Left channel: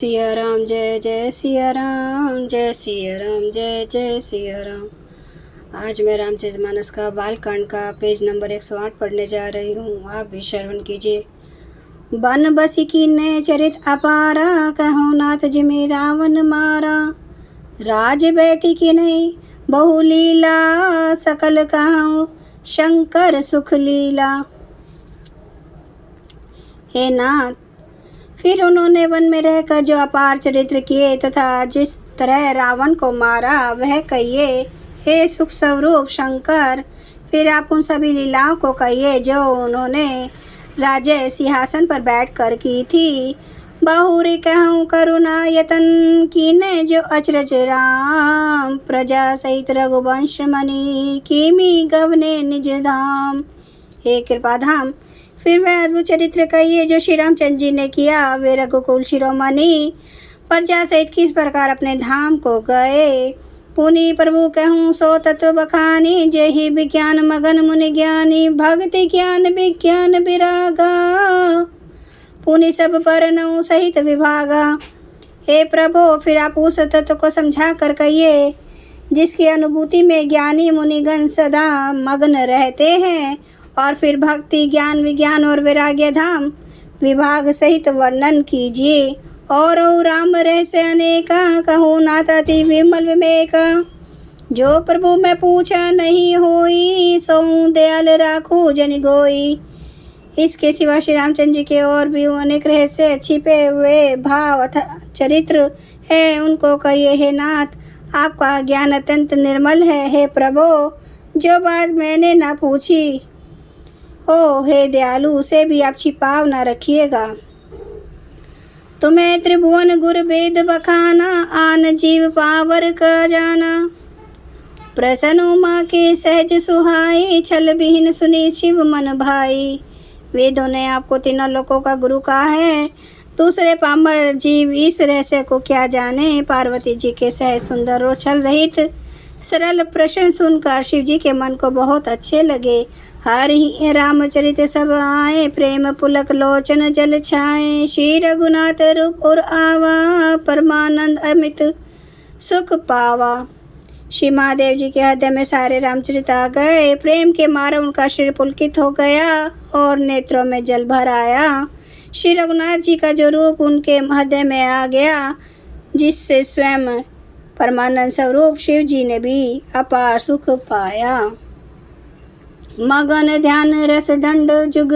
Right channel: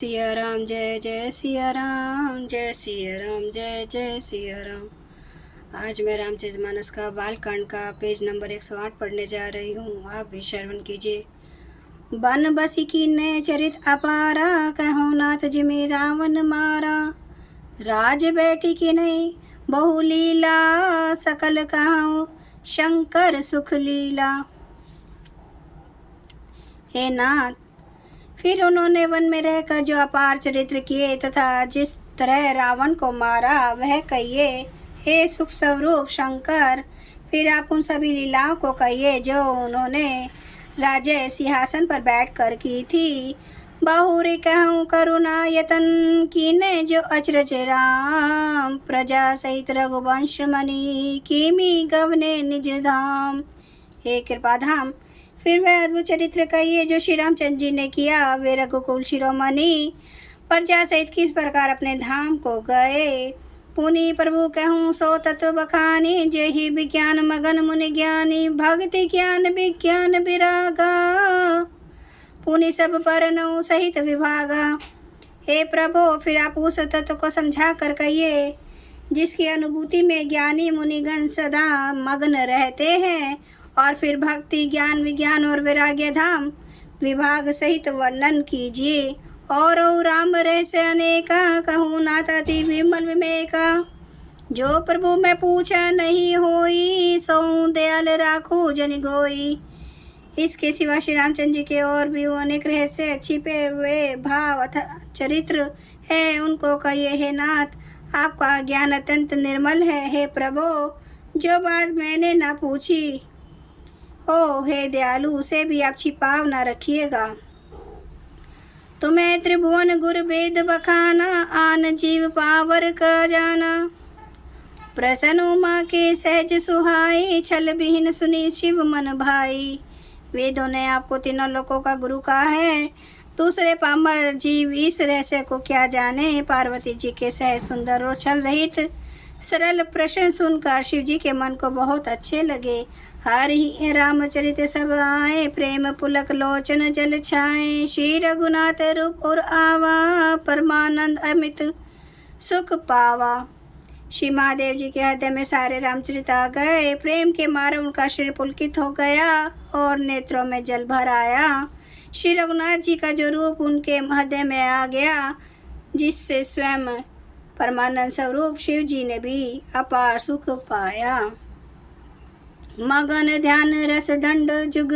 सिया राम जय जय सिया राम, जय सिया राम जय जय सिया राम। आज मैं रामचरितमानस का बालकांड का पेज नंबर 108 पढ़ने जा रही हूँ। आप भी श्रवण कीजिए। बन बसी कीन्हे चरित अपारा, कहो नाथ जिमि रावण मारा। राज बेटी की नहीं बहु लीला, सकल कहूँ शंकर सुख लीला। हे नाथ, फिर उन्होंने वन में रहकर जो अपार चरित्र किए तथा जिस तरह रावण को मारा वह कहिए। हे सुख स्वरूप शंकर, फिर आप उन सभी लीलाओं को कहिए जो उन्होंने राजे सिंहासन पर बैठकर की थी। बहुरी कहूँ करुणा यतन कीने जो अचरज राम, प्रजा सहित रघुवंश मणि कीमी गवने निज धाम। हे कृपाधाम, फिर वह अद्भुत चरित्र कहिए जो श्री रामचंद्र जी ने किया। वे रघुकुल शिरोमणि प्रजा सहित किस प्रकार अपने धाम को गए। पुनि प्रभु कहूँ सो तत्व बखानी, जेहि विज्ञान मगन मुनि ज्ञानी भक्ति ज्ञान विज्ञान विरागा, पुनि सब पर नौ सहित विभागा। हे प्रभु, फिर आप उस तत्व को समझा कर कहिए जिसकी अनुभूति में ज्ञानी मुनिगण सदा मग्न रहते हैं, और फिर भक्ति ज्ञान विज्ञान और वैराग्य धाम विभाग सहित वर्णन कीजिए। और राम रहस्य अनेका, कहूँ नाथ अति विमल विवेका। जो प्रभु मैं पूछा नहीं होई, सो दयाल राखू जन गोई। इसके सिवा श्री रामचंद्र जी के और भी अनेक रहस्य छिपे हुए भाव चरित्र है, उनको कहिए। हे नाथ, आपका ज्ञान अत्यंत निर्मल है। हे प्रभु, जो बात मैंने न पूछी हो, हे दयालु, उसे भी आप छिपाव न रखिएगा। तुम्हें त्रिभुवन गुर वेद बखाना, आन जीव पावर का जाना। प्रसन्न उमा के सहज सुहाई, छल विहीन सुनी शिव मन भाई। वेदों ने आपको तीनों लोकों का गुरु कहा है, दूसरे पामर जीव इस रहस्य को क्या जाने। पार्वती जी के सहज सुंदर और छल रहित सरल प्रश्न सुनकर शिव जी के मन को बहुत अच्छे लगे। हर ही रामचरित सब आए, प्रेम पुलक लोचन जल छाए। श्री रघुनाथ रूप और आवा, परमानंद अमित सुख पावा। श्री महादेव जी के हृदय में सारे रामचरित आ गए। प्रेम के मारे उनका शरीर पुलकित हो गया और नेत्रों में जल भर आया। श्री रघुनाथ जी का जो रूप उनके हृदय में आ गया, जिससे स्वयं परमानंद स्वरूप शिव जी ने भी अपार सुख पाया। मगन ध्यान रस दंड जुग,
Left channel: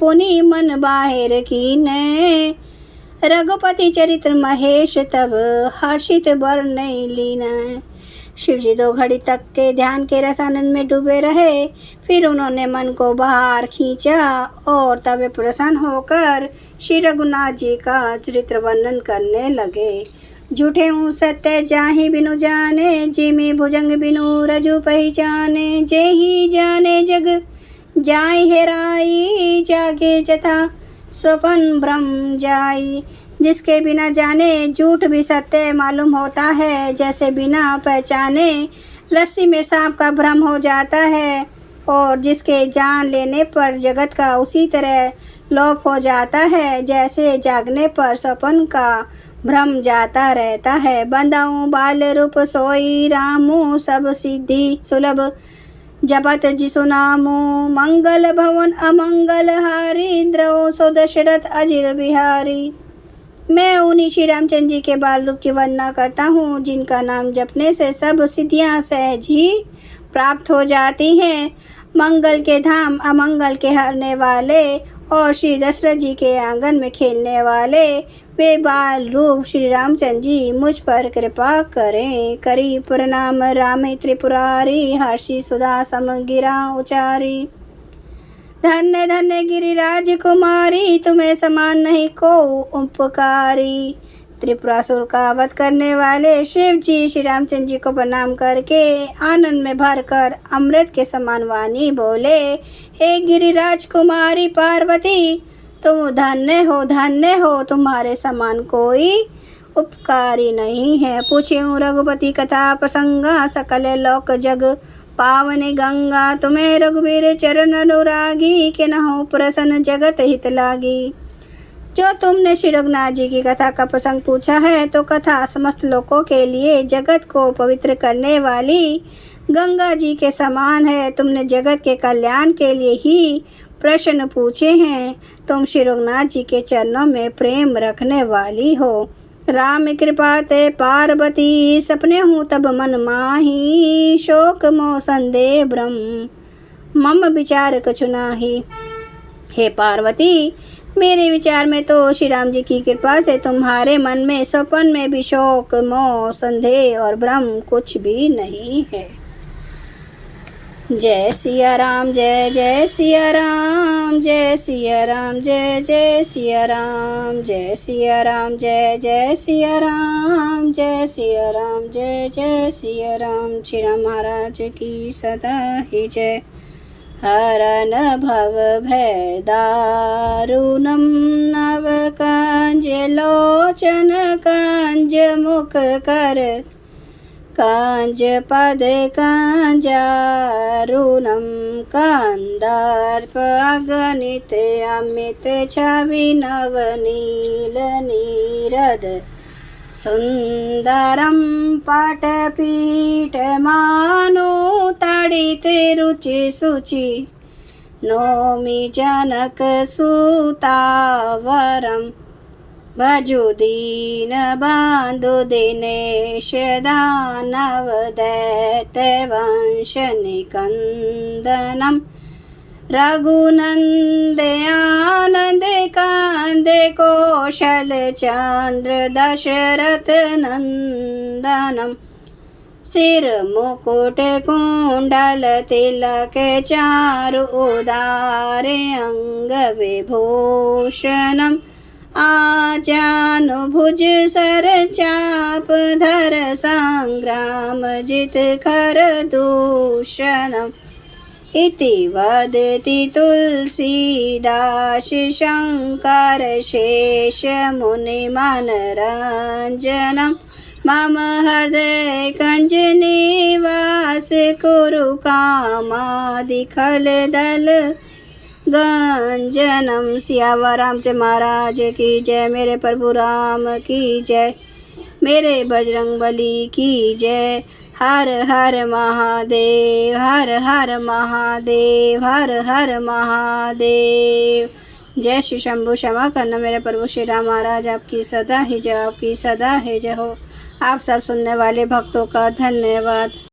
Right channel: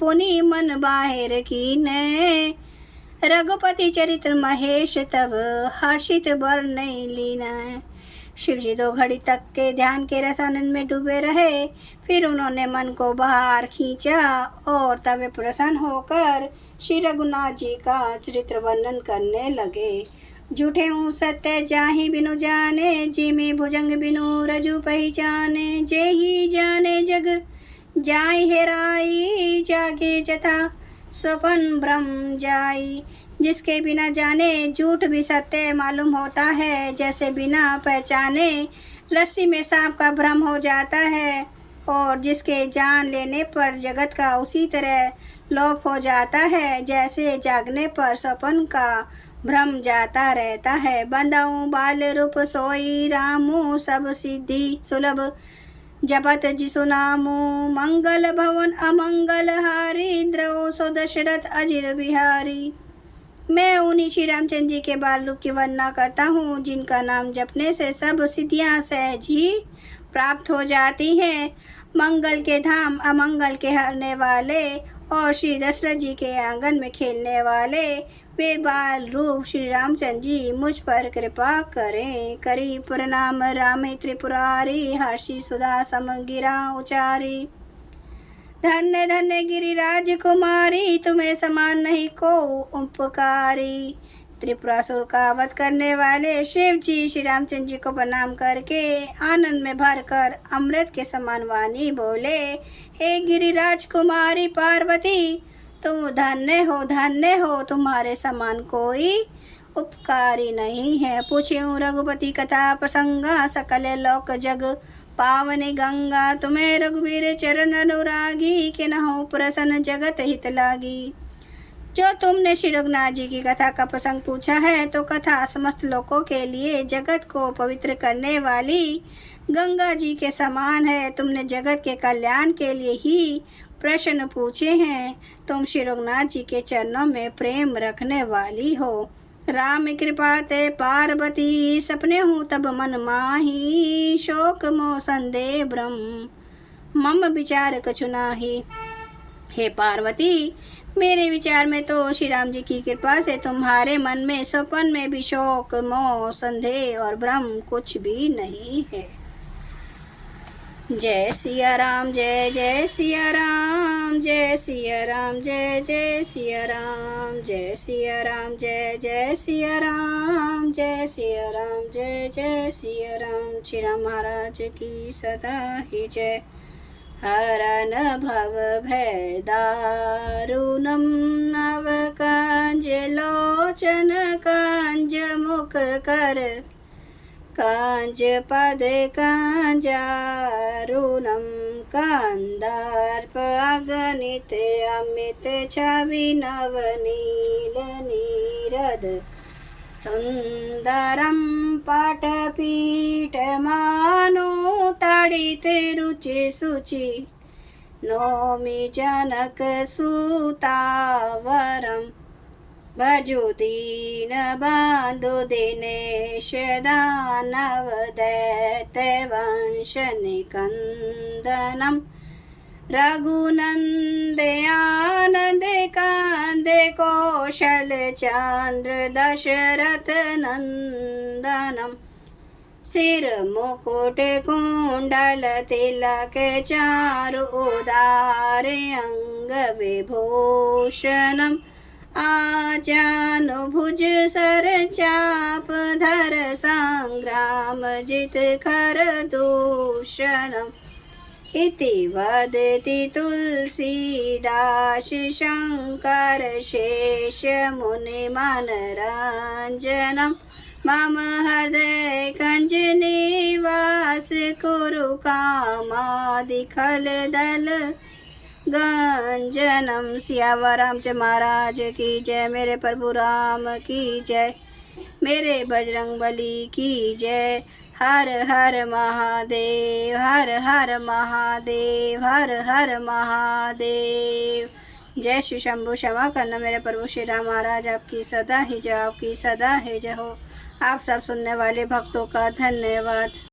पुनि मन बाहिर कीने। रघुपति चरित्र महेश तब, हर्षित बरनई लीन। शिव जी 2 घड़ी तक के ध्यान के रस आनंद में डूबे रहे। फिर उन्होंने मन को बाहर खींचा और तब प्रसन्न होकर श्री रघुनाथ जी का चरित्र वर्णन करने लगे। झूठे हूँ सत्य जाहि बिनु जाने, जिमि भुजंग बिनु रजु पहचाने। जेहि जाने जग जाय हेराई, जागे जथा स्वपन भ्रम जाई। जिसके बिना जाने झूठ भी सत्य मालूम होता है, जैसे बिना पहचाने लस्सी में सांप का भ्रम हो जाता है। और जिसके जान लेने पर जगत का उसी तरह लोप हो जाता है, जैसे जागने पर स्वप्न का भ्रम जाता रहता है। बंदाऊँ बाल रूप सोई रामू, सब सिद्धि सुलभ जपत जिसु नामू। मंगल भवन अमंगल हारी, द्रव सो दशरथ अजिर बिहारी। मैं उन्हीं श्री रामचंद्र जी के बाल रूप की वंदना करता हूँ, जिनका नाम जपने से सब सिद्धियाँ सहज ही प्राप्त हो जाती हैं। मंगल के धाम, अमंगल के हरने वाले और श्री दशरथ जी के आंगन में खेलने वाले वे बाल रूप श्री रामचंद्र जी मुझ पर कृपा करें। करी प्रणाम राम त्रिपुरारी, हर्षि सुधा समगिरा उचारी। धन्य धन्य गिरिराज कुमारी, तुम्हें समान नहीं को उपकारी। त्रिपुरासुर का वध करने वाले शिव जी श्री रामचंद्र जी को प्रणाम करके आनंद में भरकर अमृत के समान वाणी बोले। हे गिरिराज कुमारी पार्वती, तुम धन्य हो, तुम्हारे समान कोई उपकारी नहीं है। पूछ्यूं रघुपति कथा प्रसंगा, सकल लोक जग पावनी गंगा। तुम्हें रघुवीर चरण अनुरागी, किन्हु प्रसन्न जगत हित लागी। जो तुमने श्री रघुनाथ जी की कथा का प्रसंग पूछा है, तो कथा समस्त लोगों के लिए जगत को पवित्र करने वाली गंगा जी के समान है। तुमने जगत के कल्याण के लिए ही प्रश्न पूछे हैं। तुम श्री रघुनाथ जी के चरणों में प्रेम रखने वाली हो। राम कृपा ते पार्वती, सपने हूँ तब मन माही, शोक मोह संदेह ब्रह्म मम विचार कछु नाही। हे पार्वती, मेरे विचार में तो श्री राम जी की कृपा से तुम्हारे मन में स्वप्न में भी शोक मोह संदेह और भ्रम कुछ भी नहीं है। जय सिया राम, जय जय सिया राम, जय सिया राम, जय जय सिया राम, जय सिया राम, जय जय सिया राम, जय सिया राम, जय जय सिया राम। श्री राम महाराज की सदा ही जय। हरन भव भय दारुणं नव कांज लोचन कांज मुख कर, कांज पद कांजारुणं कांदार्प अगणित अमित छवि नवनील नीरद सुंदरं पटपीठ मानो तडित रुचि शुचि, नौमि जनक सुतावरं भजो दीन बांधो दिनेश दानव दैत्य वंश निकंदनम, रघुनंद आनंद कांदे कौशल चंद्र दशरथ नंदनम, सिर मुकुट कुंडल तिलक चारु उदारे अंग विभूषणम, आजानुभुज सर चाप धर संग्राम जित कर दूषणम, इति वदति तुलसीदास शंकर शेष मुनि मनरंजनम, मम हृदय कंज निवास कुरु कामादि खल दल गंजनम। सियावर रामचंद्र महाराज की जय। मेरे प्रभु राम की जय। मेरे बजरंग बली की जय। हर हर महादेव, हर हर महादेव, हर हर महादेव। जय श्री शंभु। क्षमा करना मेरे प्रभु श्री राम महाराज, आपकी सदा ही जय, आपकी सदा ही जय हो। आप सब सुनने वाले भक्तों का धन्यवाद।